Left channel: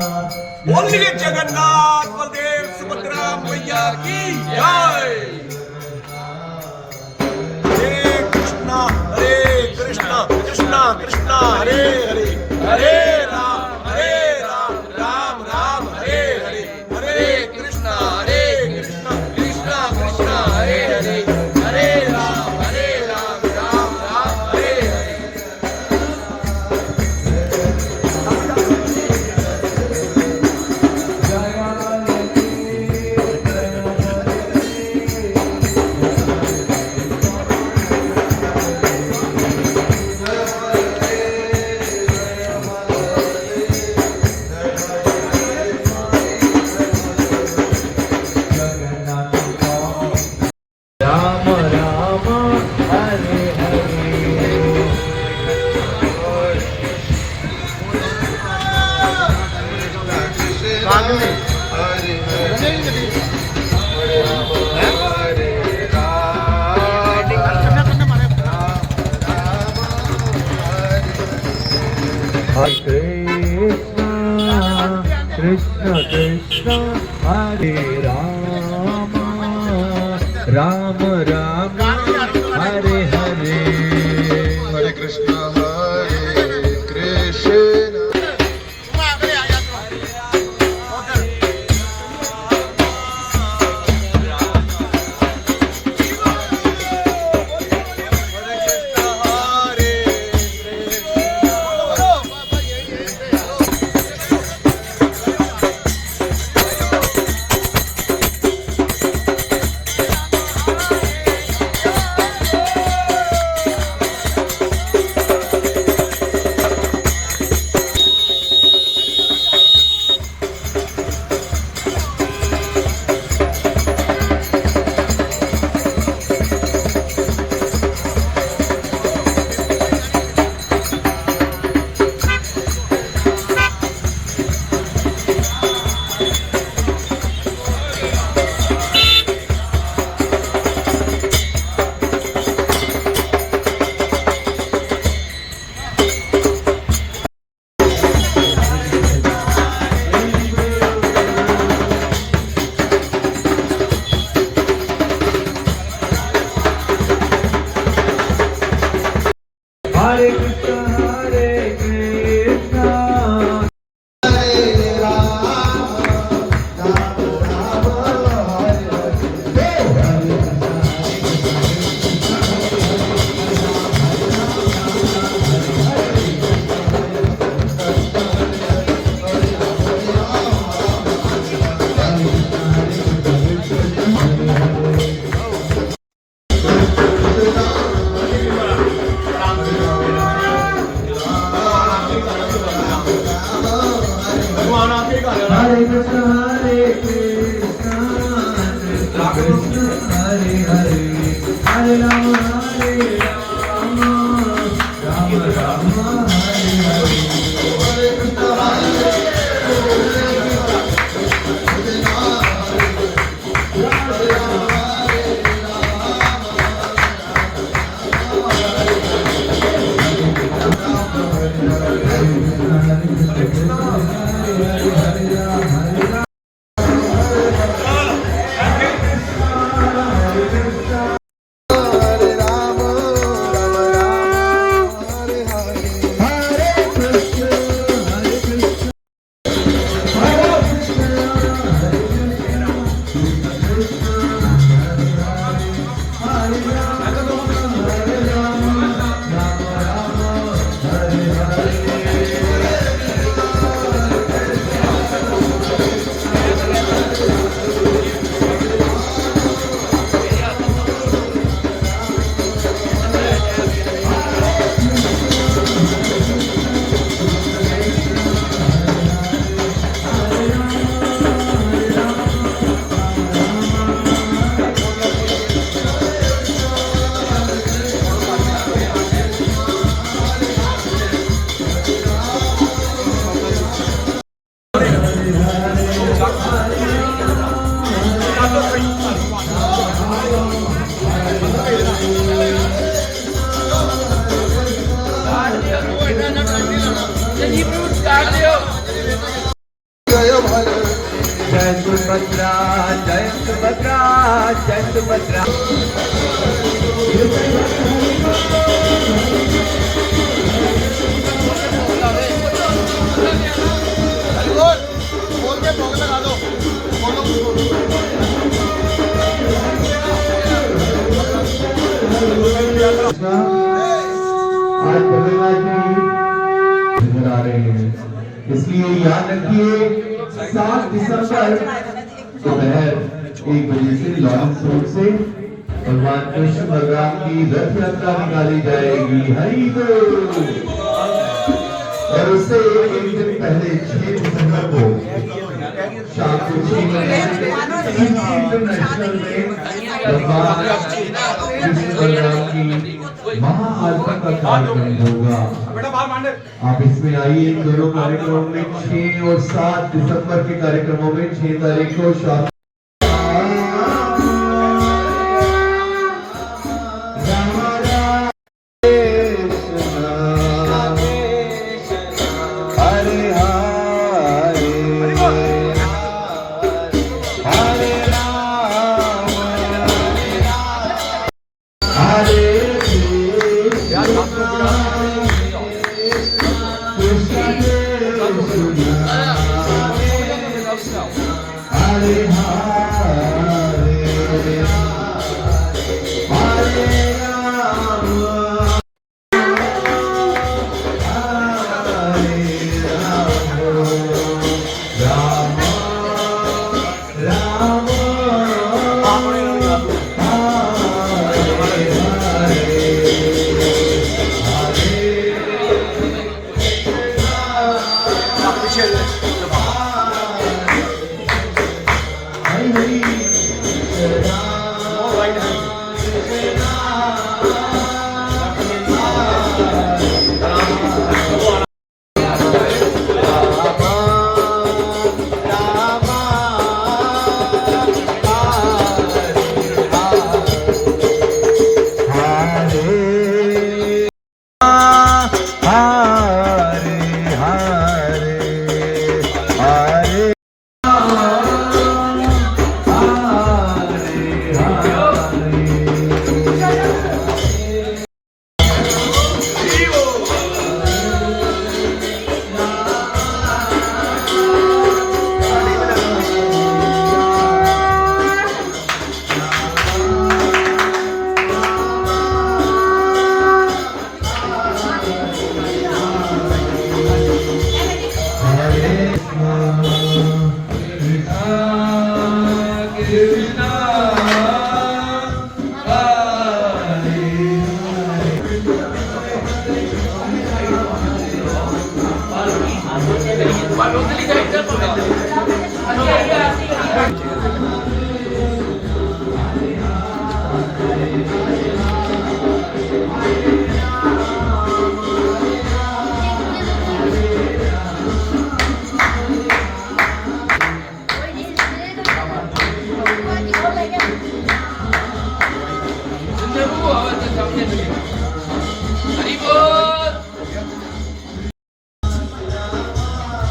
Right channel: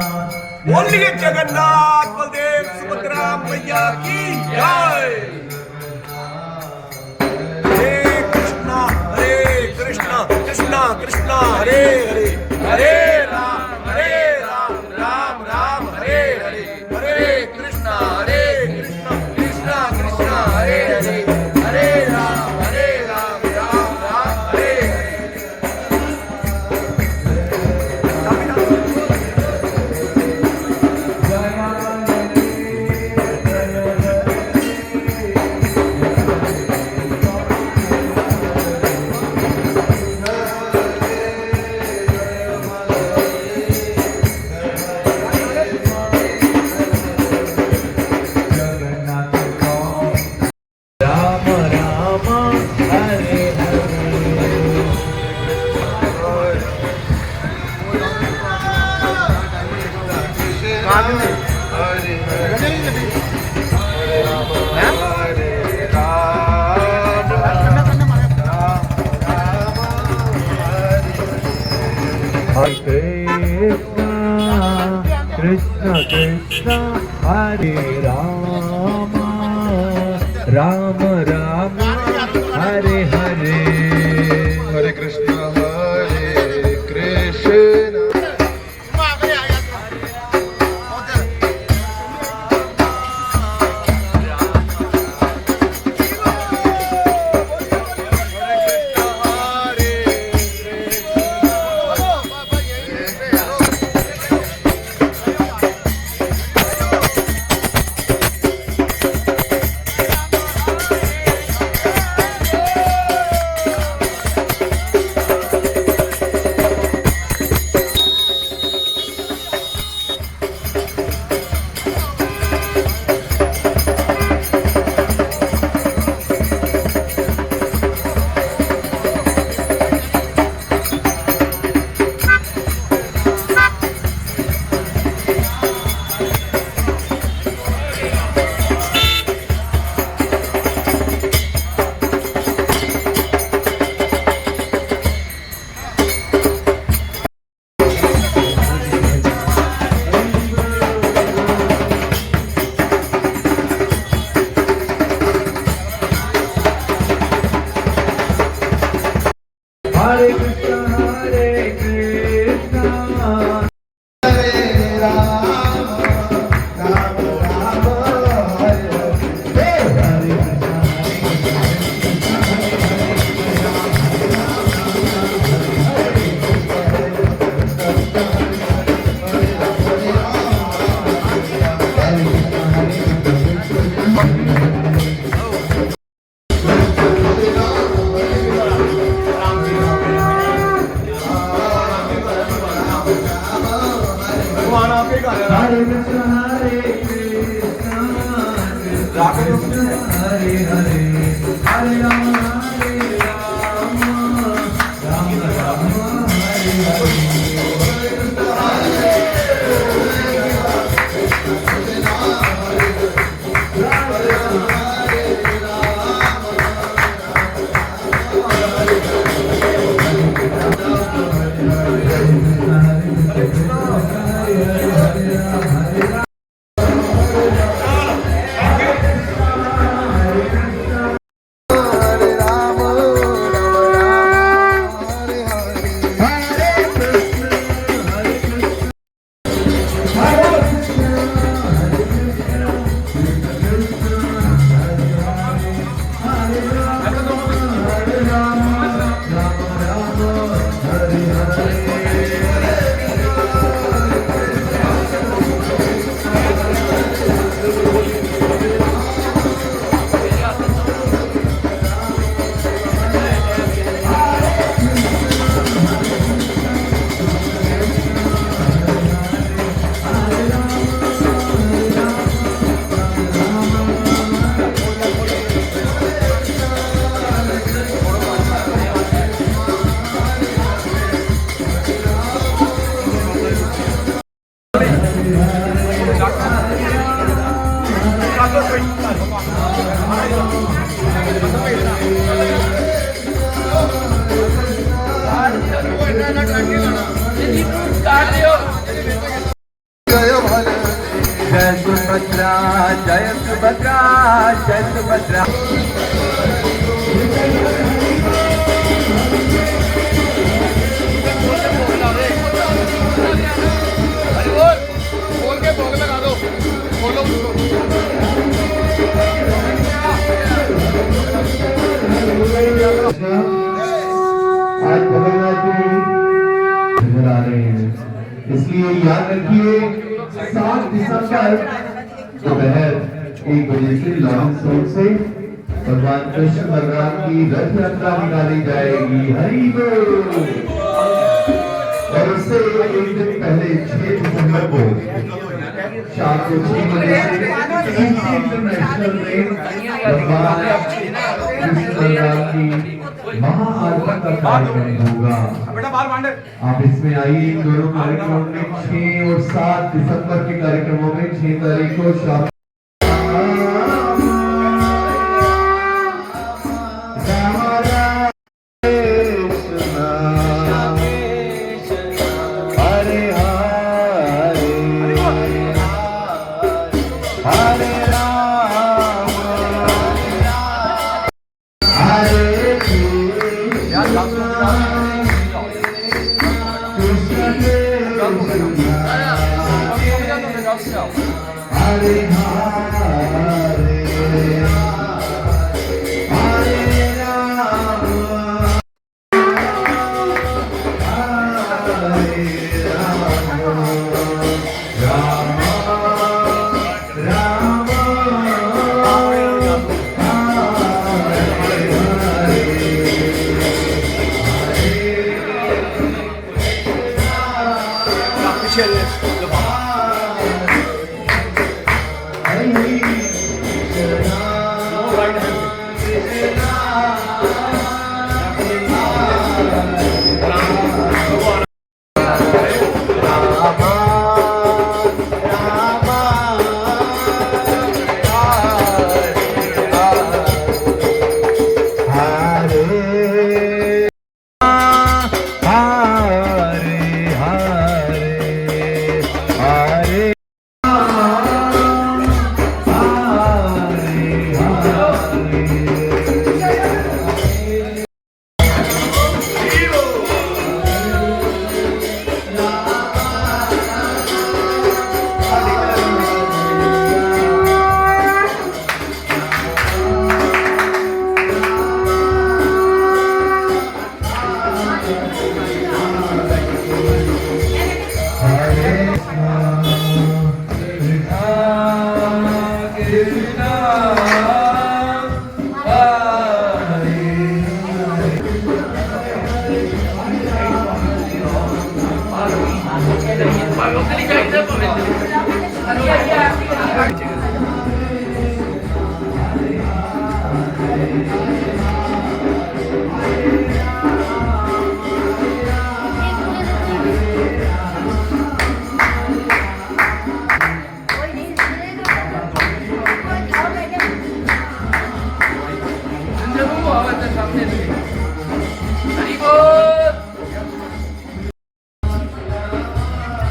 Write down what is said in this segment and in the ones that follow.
बोलिए जगन्नाथ बलदेव सुभद्रा मैया की जय। हरे कृष्णा कृष्णा कृष्णा हरे हरे, हरे राम राम राम हरे हरे, हरे कृष्णा कृष्णा कृष्णा हरे हरे, हरे Ram Ram Ram Hare Hare. Krishna Krishna Hare Rama Rama Rama Hare Hare Hare Krishna Hare Krishna Hare Krishna Hare Krishna Hare Krishna Hare Krishna Krishna Krishna Hare Hare Hare Rama Hare Rama Rama Rama Hare Hare जय सुभद्रा। आज नजर आ रहे हैं, इसलिए याद रखिए 7 दिसंबर दोपहर 1 बजे से लॉन्च रोड से भगवान कृष्ण भगवान की रथ यात्रा निकाली जाएगी। हरि बोल। और उससे एक दिन पहले 6 दिसंबर को शाम को 6 बजे इंटरनेशनल में भगवान कृष्ण भगवान की महाआरती का कार्यक्रम होगा। आप इसमें आइए। इन दोनों कार्यक्रमों में 6 और 7 दिसंबर के कार्यक्रमों में 6 तारीख को शाम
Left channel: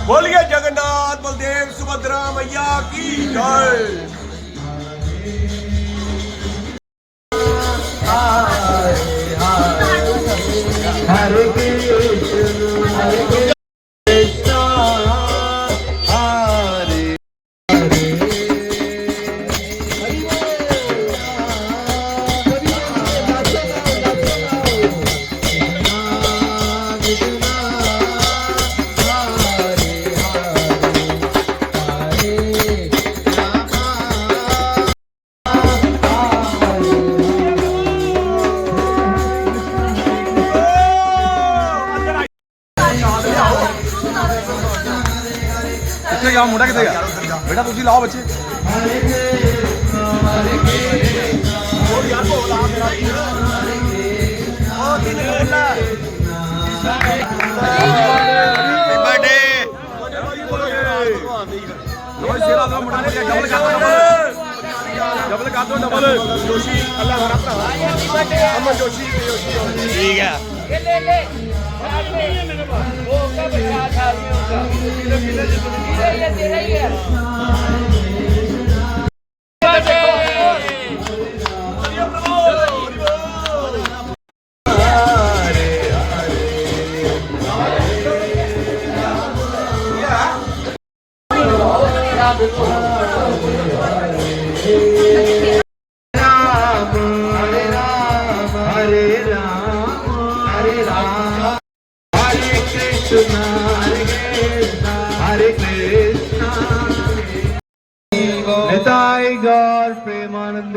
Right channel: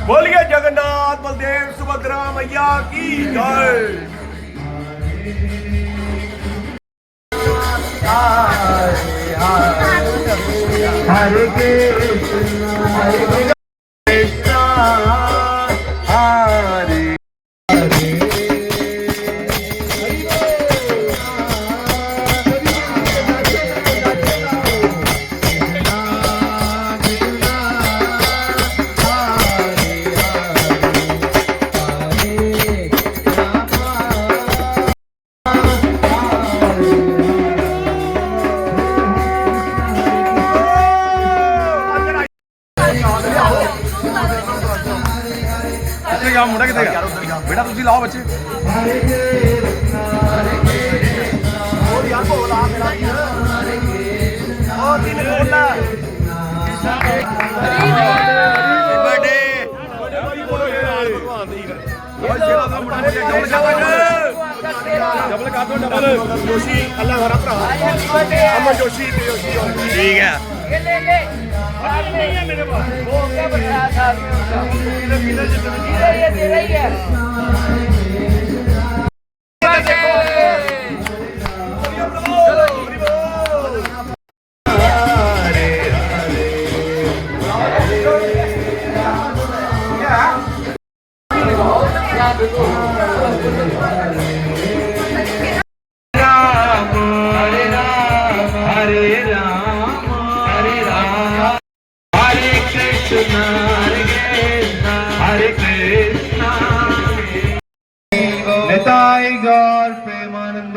बोलिए जगन्नाथ बलदेव सुभद्रा मैया की जय। हरे कृष्ण हरे कृष्ण हरे बेटा तुझी लाओ बच्चे और यार बोला मेरा और दिन बोला बर्थडे डबल का दो डबल जोशी अल्लाह भरा अमर जोशी ठीक है ये ले ले नहीं है मेरे पास वो क्या बता था ये तेरा ही है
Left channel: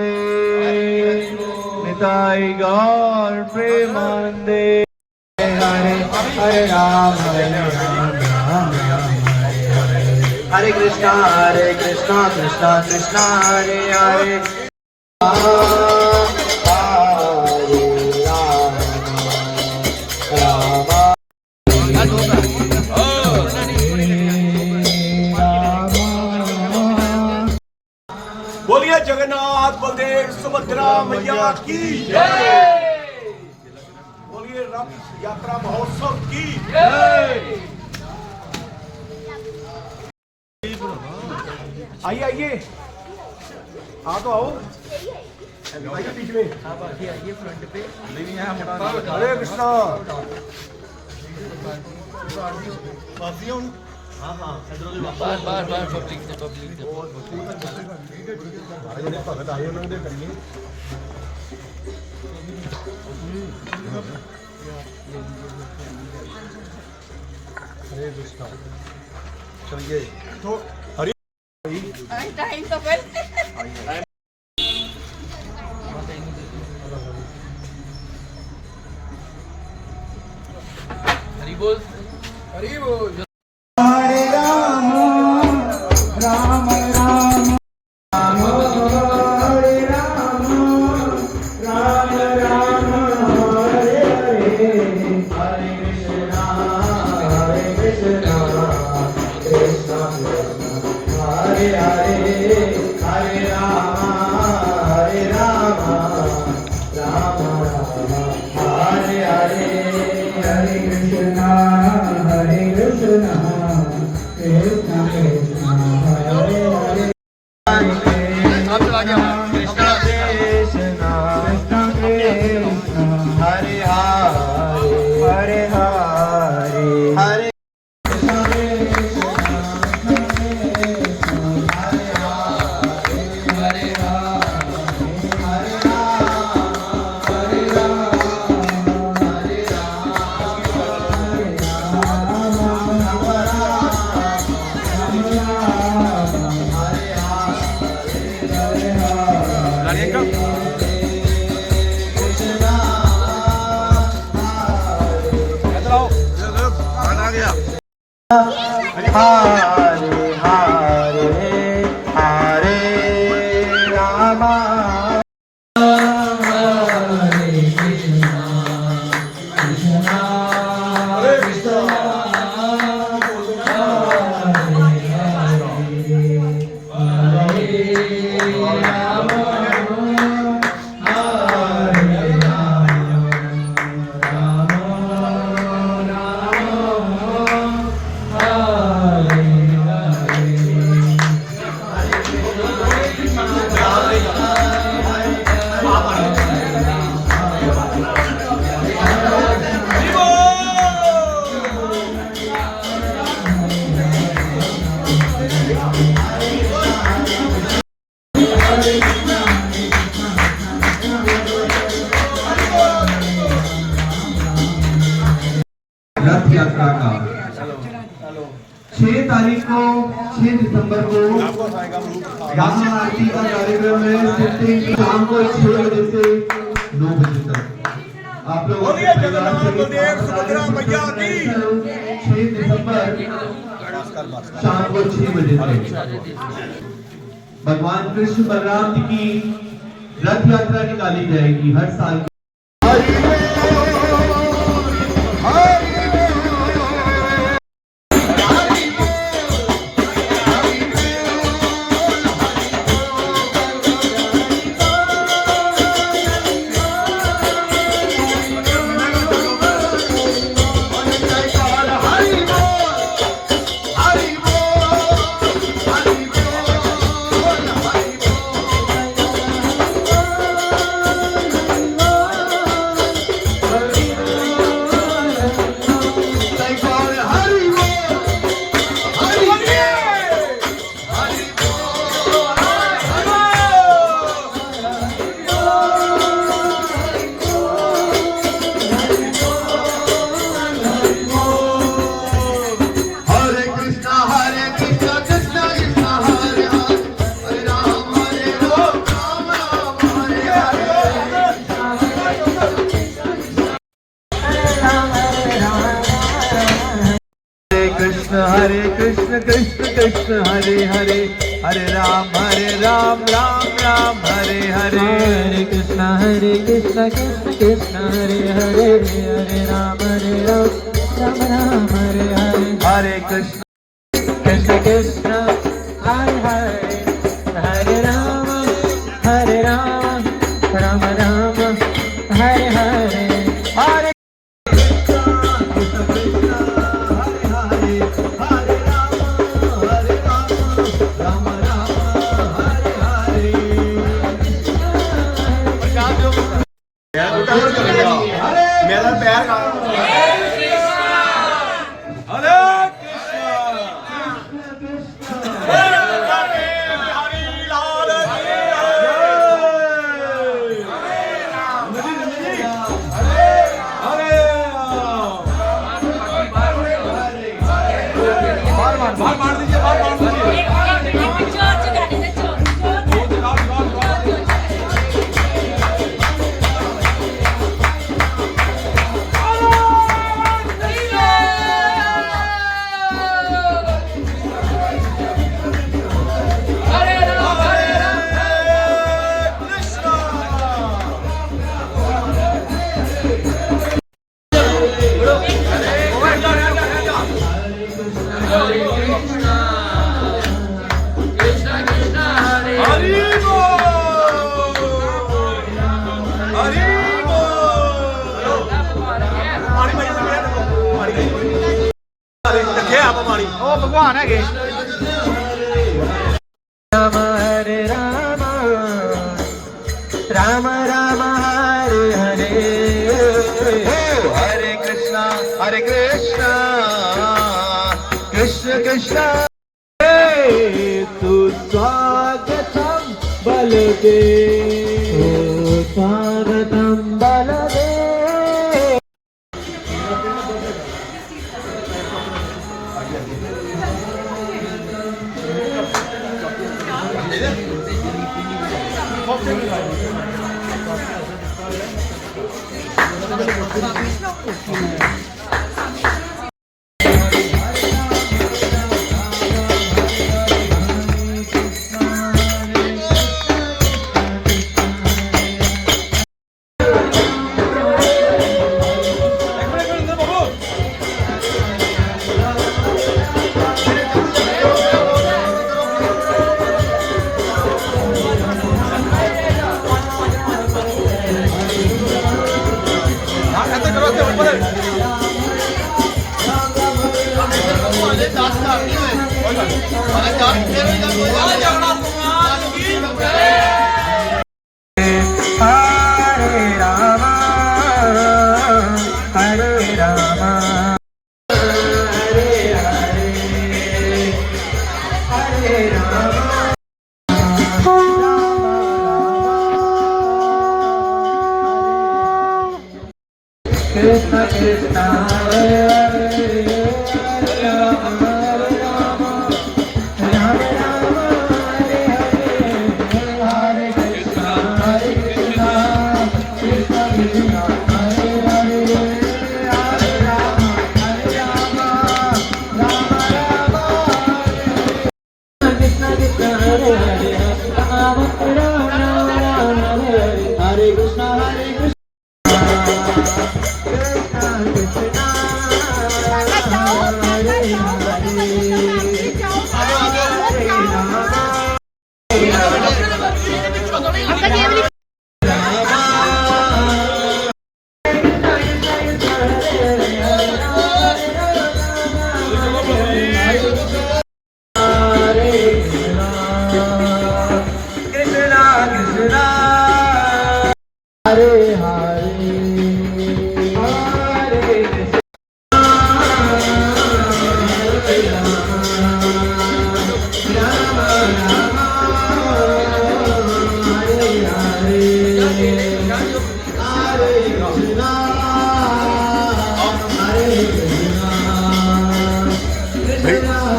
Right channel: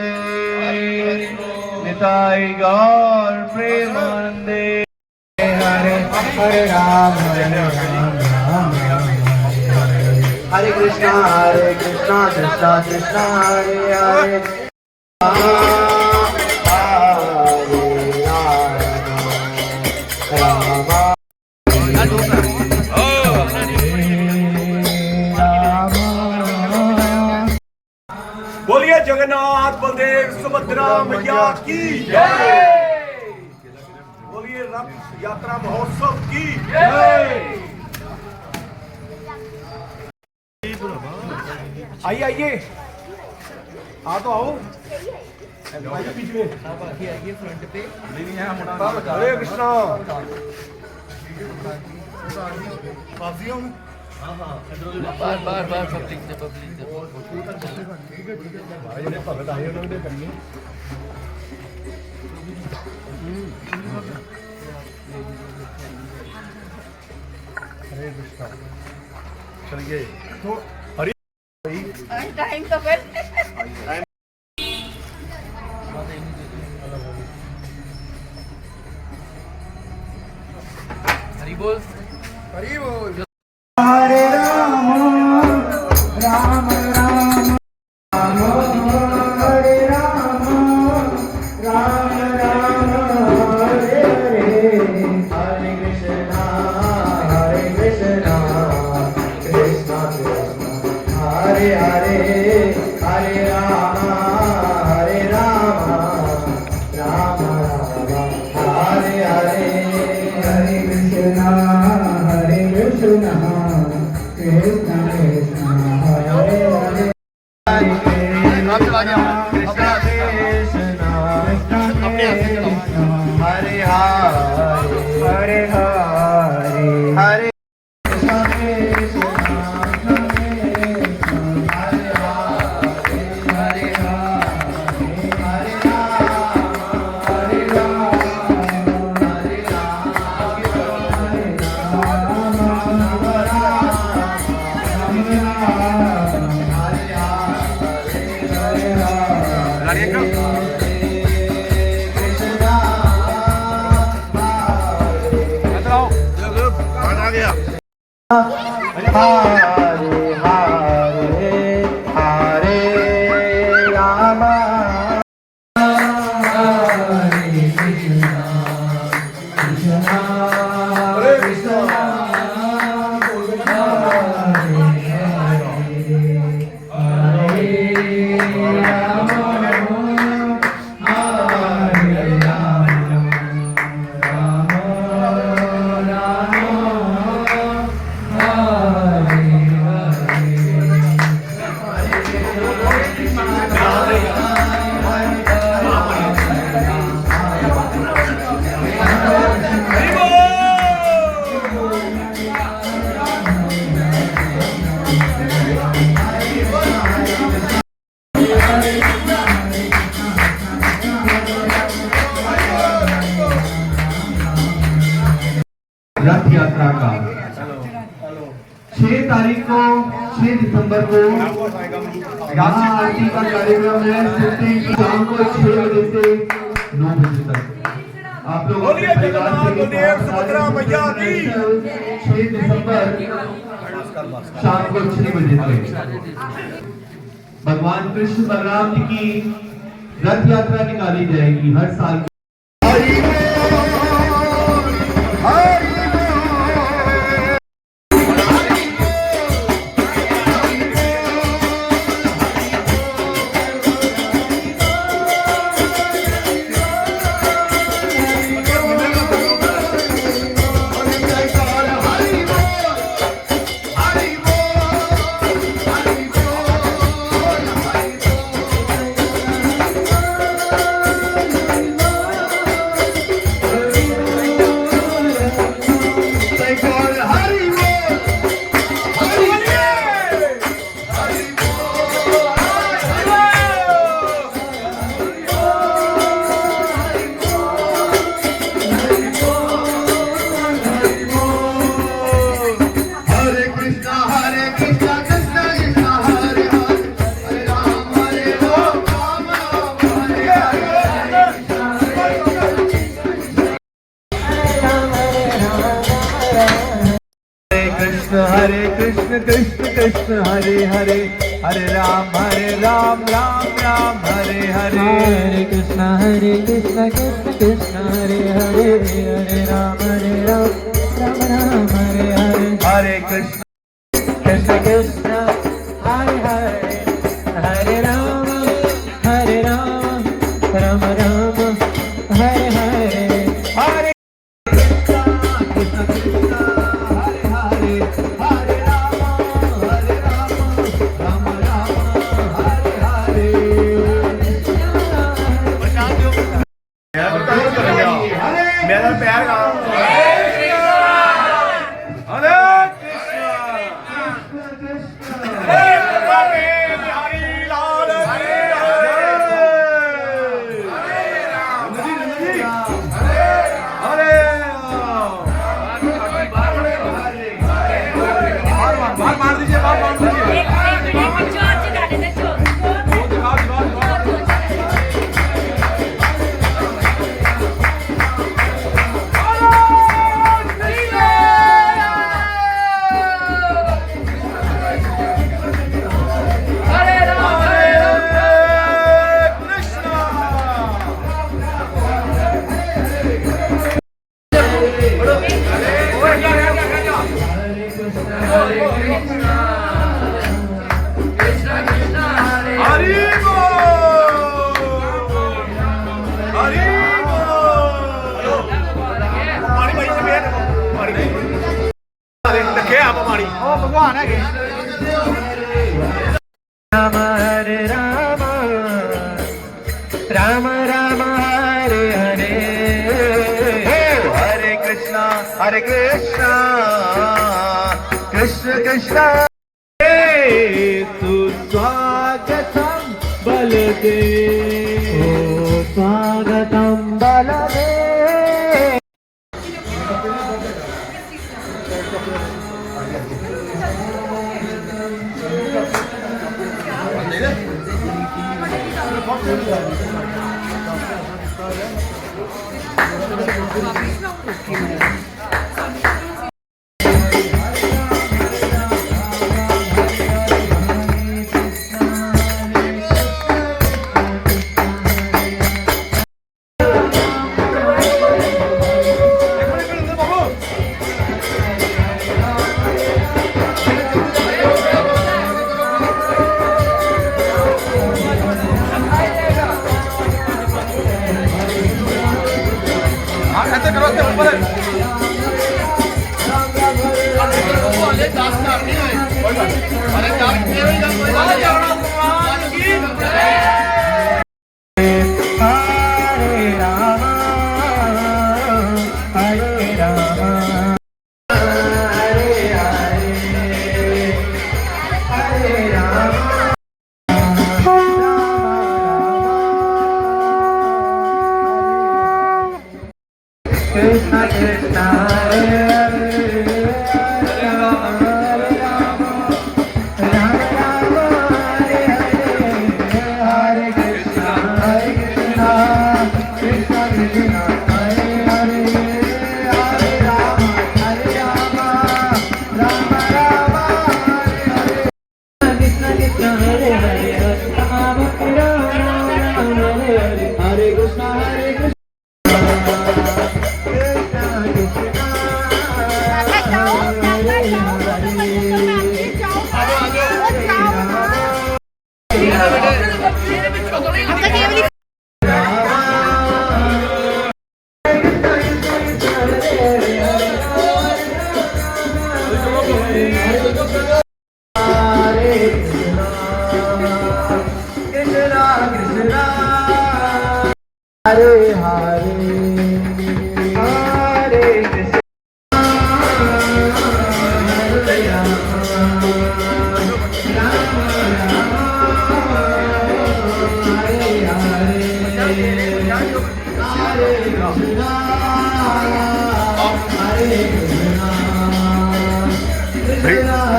प्रेमानंदे निताई गौर प्रेमानंदे हरे हरे राम हरे कृष्णा कृष्णा कृष्णा हरे हरे बोलिए जगन्नाथ बलदेव सुभद्रा मैया की जय। बोलिए रथ यात्रा महोत्सव की जय। आइए आइए, हाँ तो आओ बीच में, आइए फ्रंट पे। हरे कृष्णा भगत आए उन्होंने करिए। हरे कृष्णा चलिए तो हरि टाइम तो फिर हरि बोल हरि बोल। हरे राम राम राम हरे राम राम राम हरे हरे हरे कृष्णा कृष्णा कृष्णा हरे हरे हरे राम राम राम हरे हरे हरे कृष्णा कृष्णा कृष्णा हरे हरे हरे हरे हरे रथ यात्रा का 6 तारीख को 6 दिसंबर को यहाँ आरती का कार्यक्रम है शाम को 6 बजे से 9 बजे तक। आप लोग बोलिए जगन्नाथ बलदेव सुभद्रा मैया की 6 दिसंबर शाम को 6 बजे से भगवान कृष्ण बलराम जी की रथ यात्रा निकाली जाएगी हर साल। कृष्ण हरे हरे हरे राम राम राम हरे हरे हरे कृष्ण कृष्ण कृष्ण हरे हरे हरे राम राम राम हरे हरे हरे कृष्ण कृष्ण कृष्ण हरे हरे हरे राम राम राम हरे हरे हरे कृष्ण कृष्ण हरे हरे हरे राम राम राम हरे हरे मेरा पैर का राम हरे राम राम राम हरे हरे हरे कृष्ण कृष्ण कृष्ण तू स्वागतम बलदेव स्वागतम Baldev Krishna Krishna Hare Hare Ram Ram Ram Ram Hare Hare Hare Krishna Krishna Krishna Hare Hare Hare Ram Ram Ram Krishna Krishna Hare Hare Ram Ram Hare Hare Krishna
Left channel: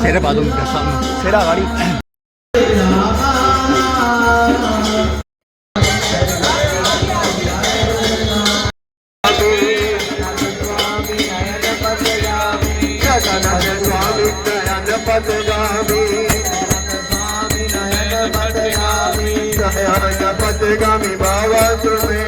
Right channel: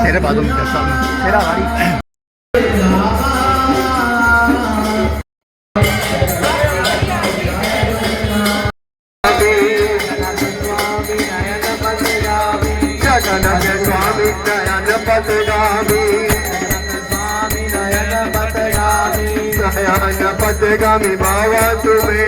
Saya dapat dong kita sama. Saya dah kali. Jagana Jagana Jagana Jagana सत्यगामी भावा तुम्ही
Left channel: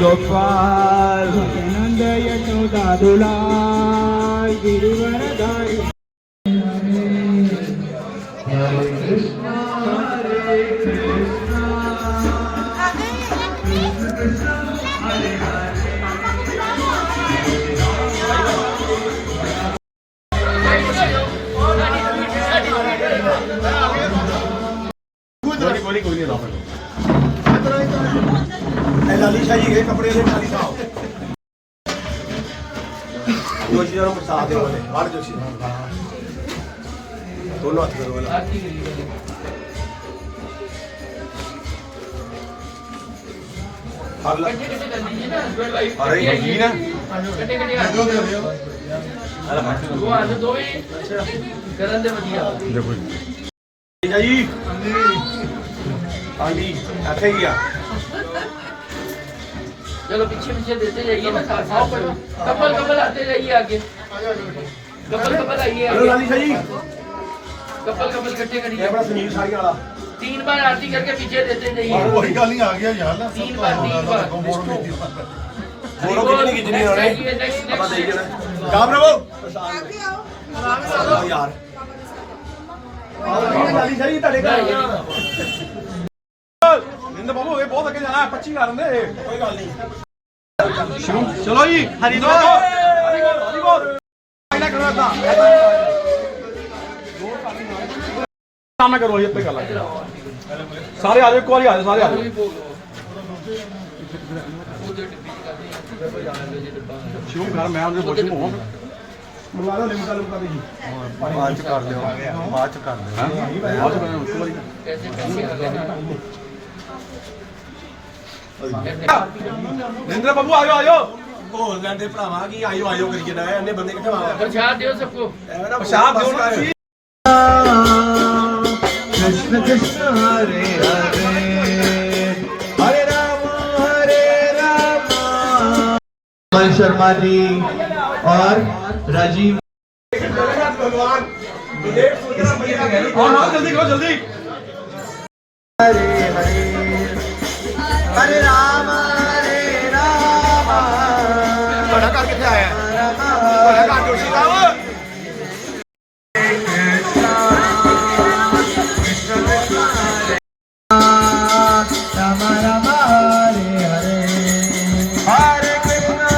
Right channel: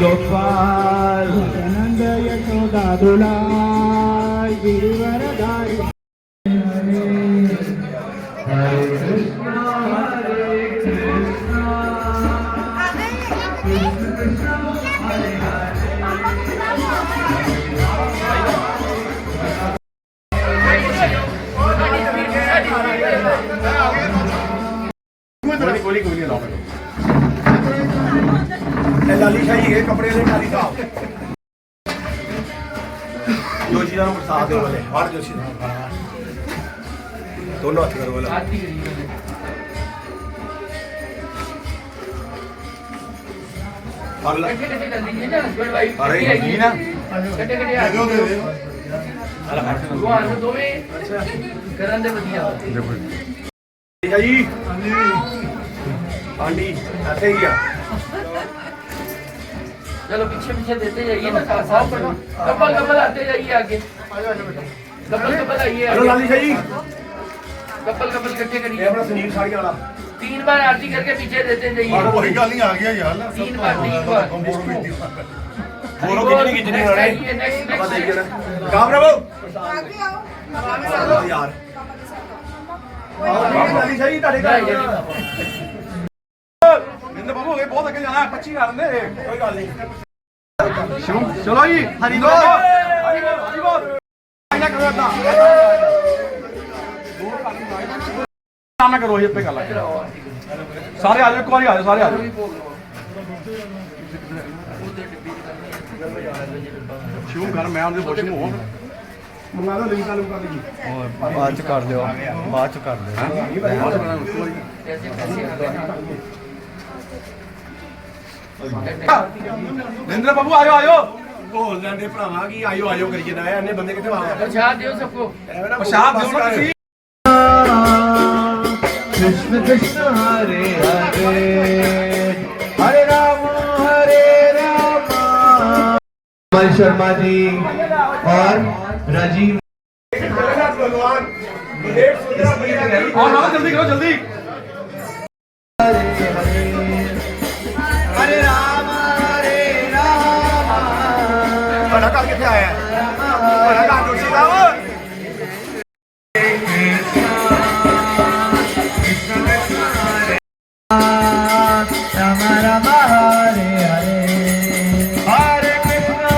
गोपाल नंद यशोदा दुलाल गिरिवर गाई ਲਾਲੀ ਸ਼ਾਹੀ ਹੈ ਕੱਪੜੇ ਦੇ ਖਾਲੀ ਸਾਹਿਬ ਜੋਸ਼ੀ ਦਾ ਨੂੰ ਪ੍ਰਸਾਦ ਦੇ ਵਾਲੇ ਬਾਹਰ ਜੋਸ਼ੀ ਦਾ ਦੋਨੋਂ ਹੱਥ ਕਰੋ ਵਾਲਾ कटे कटे कर दीजिए ना हस्बैंड वाइफ अरे जी ना कटे कटे आ दो दे दो वो आ दो गरम दे बढ़िया ਠੀਕ ਹੈ ਜੀ ਆਂਟੀ ਇੱਥੇ ਹੀ ਆ चलो पीछे पीछे देते जाइए ना आओ करो कपल कपल आते जाइए आगे कपल कपल आइए ਹਲੋ ਲਾਲੀ ਸ਼ਾਹੀ कपल कपल इकट्ठे ਇਹ करिए ਆਪਣਾ ਸੁਨੀਲ ਸਾੜੀ ਵਾਲਾ 3 बार आरती करके पीछे देते जाइए ਕੋਈ ਗੱਲ ਨਹੀਂ ਆ ਗਿਆ ਯਾਰ ਨਾ 3 बार 3 बार ਫੋਟੋ ਖਿੱਚਣੀ ਖਿੱਚਣੀ ਹੋਣੇ ਆਪਾਂ ਦੇਖ ਲੈਣਾ ਗਾ ਬ్రో ਯਾਰ ਲਾਲੀ ਸ਼ਾਹੀ ਤੁਹਾਡੇ ਘਰ ਇੰਦ ਬਾਬੂ ਇਹ ਬਹੁਤ ਅੱਗੇ ਜਾਣਾ 25 ਕਰ ਦਿੰਦੇ ਕੋਈ ਗੱਲ ਨਹੀਂ ਚਲੋ ਜੀ ਹਰੀ ਬੋਲ ਹਰੀ ਬੋਲ ਇਹਨਾਂ ਕਰੋ ਤਾਂ ਸਾਹਮਣੇ ਕਰੋ ਇਹ ਤੇ ਗੱਲ ਸਾਰੇ ਆ ਜਾਓ ਇੱਕ ਵਾਰੀ ਆ ਜਾਓ ਸਾਰੇ ਆ ਜਾਓ ਸ਼ਿਵ ਮੈਂ ਉਹਦੇ ਬੋਲ ਨੂੰ ਮੰਗਾ ਲਓ ਲਿੰਕ ਚਾਲੂ ਕਰ ਜੀ ਬਾਅਦ ਚ ਕਰ ਲਿਓ ਬਾਅਦ ਚ ਕਰ ਲਿਓ कैसे कैसे आ गए ਨਿੰਦਰ ਬਾਬੂ ਆਇਓ ਆਇਓ ਘੋਲ ਲੈਂਦੇ ਭਰਾਵਾ ਕੀ ਆਇਓ ਆਇਓ ਕਰੀ ਜਾਂਦਾ ਇੰਨੇ ਬੰਦੇ ਕਿੱਥੇ ਆਵਾ प्रसाद दियो सबको ਪਿਸ਼ਾਬ ਦਿਓ ਨਾ ਤੁਸੀਂ कृष्ण कृष्ण हरे हरे हरे राम अमन शर्मा जी और राजीव भगवान डेढ़ सौ ਹਾਂ ਜਲਦੀ ਕਰੋ ਜਲਦੀ हरे हरे हरे राम ਤੁਹਾਡਾ ਘਰ ਕਿੱਥੇ ਆਇਆ ਤੁਹਾਡਾ ਘਰ ਜੋਸ਼ੀ ਦਾ ਵਾ राम राम हरे हरे हरे कृष्ण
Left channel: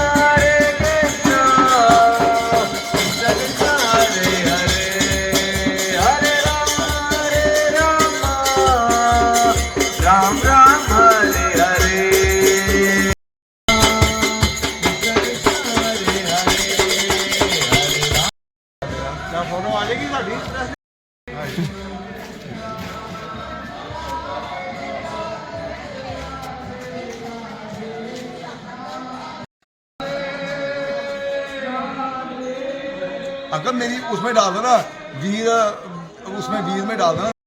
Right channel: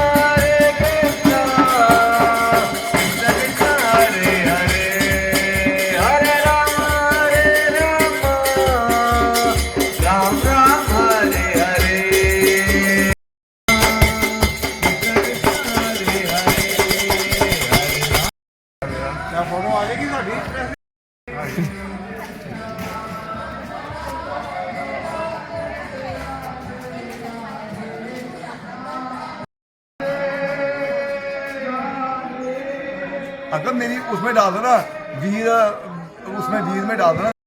कृष्ण कृष्ण हरे हरे हरे राम राम राम हरे हरे ਨਾ ਫੋਟੋ ਆ ਜਾਏਗੀ ਸਾਡੀ अगर मेरी उसमें डाल दो ना वीर उसमें वीर में डाल दो ना